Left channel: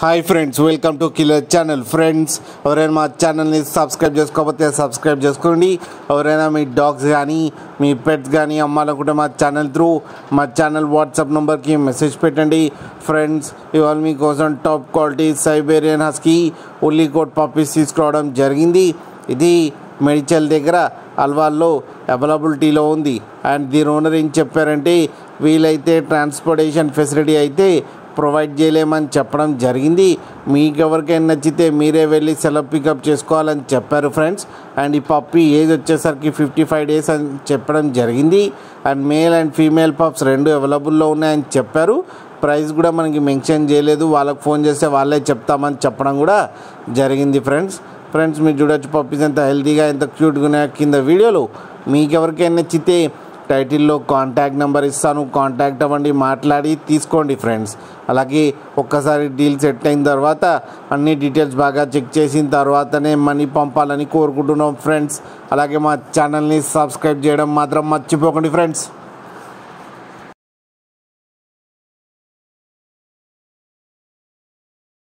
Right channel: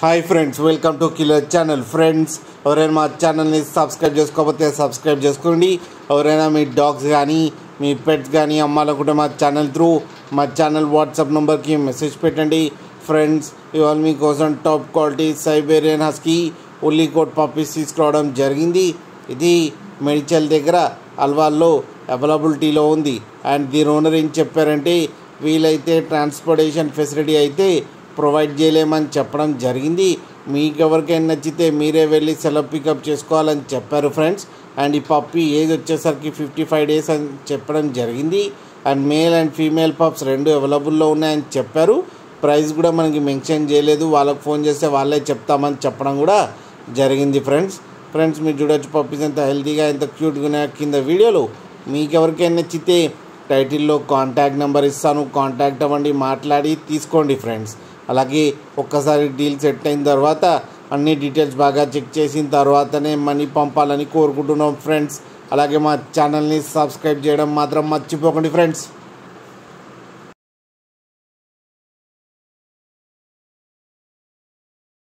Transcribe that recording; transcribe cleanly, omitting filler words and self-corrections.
Hi friends, welcome to killer channel. Friends, ఎవరైనా మా ఛానల్ని సబ్స్క్రైబ్ చేసుకోకపోతే సబ్స్క్రైబ్ చేసుకోండి. ఎవరైనా మీ డాగ్స్ కానీ మీ పెట్స్ కానీ అమ్మాలనుకుంటే మా ఛానల్ వాట్సాప్ నెంబర్కి మెసేజ్ పెట్టండి. ఫ్రెండ్స్, ఇవాళ మీకోసం top quality Siberian husky ఉల్లికోట్ puppies తీసుకురావడం జరిగింది. ఇది మెడిచల్ దగ్గర అల్వాల్లో అవైలబిలిటీలో ఉంది. అండ్ దీని ఓనర్ ఏం చెప్పారంటే, వీలైతే ట్రాన్స్పోర్టేషన్ ఫెసిలిటీ అయితే ప్రొవైడ్ చేయలేమని చెప్పడం జరిగింది. మీకు ఎవరికైనా నచ్చితే మీరే వెళ్ళి సెలవు పికప్ చేసుకోవాలని చెప్పారు ఫ్రెండ్స్. అండ్ ఈ పప్పీ ఏజ్ వచ్చేసరికి 55 days అని చెప్పడం జరిగింది. And male and female pups రెండు అవైలబుల్లో ఉన్నాయని చెప్పారు. ప్రైస్ కూడా మనకి మెన్షన్ చేయలేదు, వాళ్ళకి ఫోన్ చేస్తే వాళ్ళే చెప్తామని చెప్పడం కూడా జరిగింది ఫ్రెండ్స్. మీరు చూడొచ్చు పప్పీస్ ఎంత హెల్తీగా ఎంత క్యూట్గా ఉన్నాయో కింద వీడియోలో. మీకు ఎవరికైనా నచ్చితే టైటిల్లో కాంటాక్ట్ నెంబర్ ఇస్తాను, కాంటాక్ట్ అవ్వండి, మాట్లాడి తీసుకోండి ఫ్రెండ్స్. అలాగే ఒక్కసారి డీల్ సెట్ అయిన తర్వాత అన్ని డీటెయిల్స్ బాగా చెక్ చేసిన తర్వాతనే మనీ పంపాలని కోరుకుంటున్నాం ఫ్రెండ్స్. అలాగే మా ఛానల్ని సబ్స్క్రైబ్ చేయడం మాత్రం మర్చిపోకండి ఫ్రెండ్స్.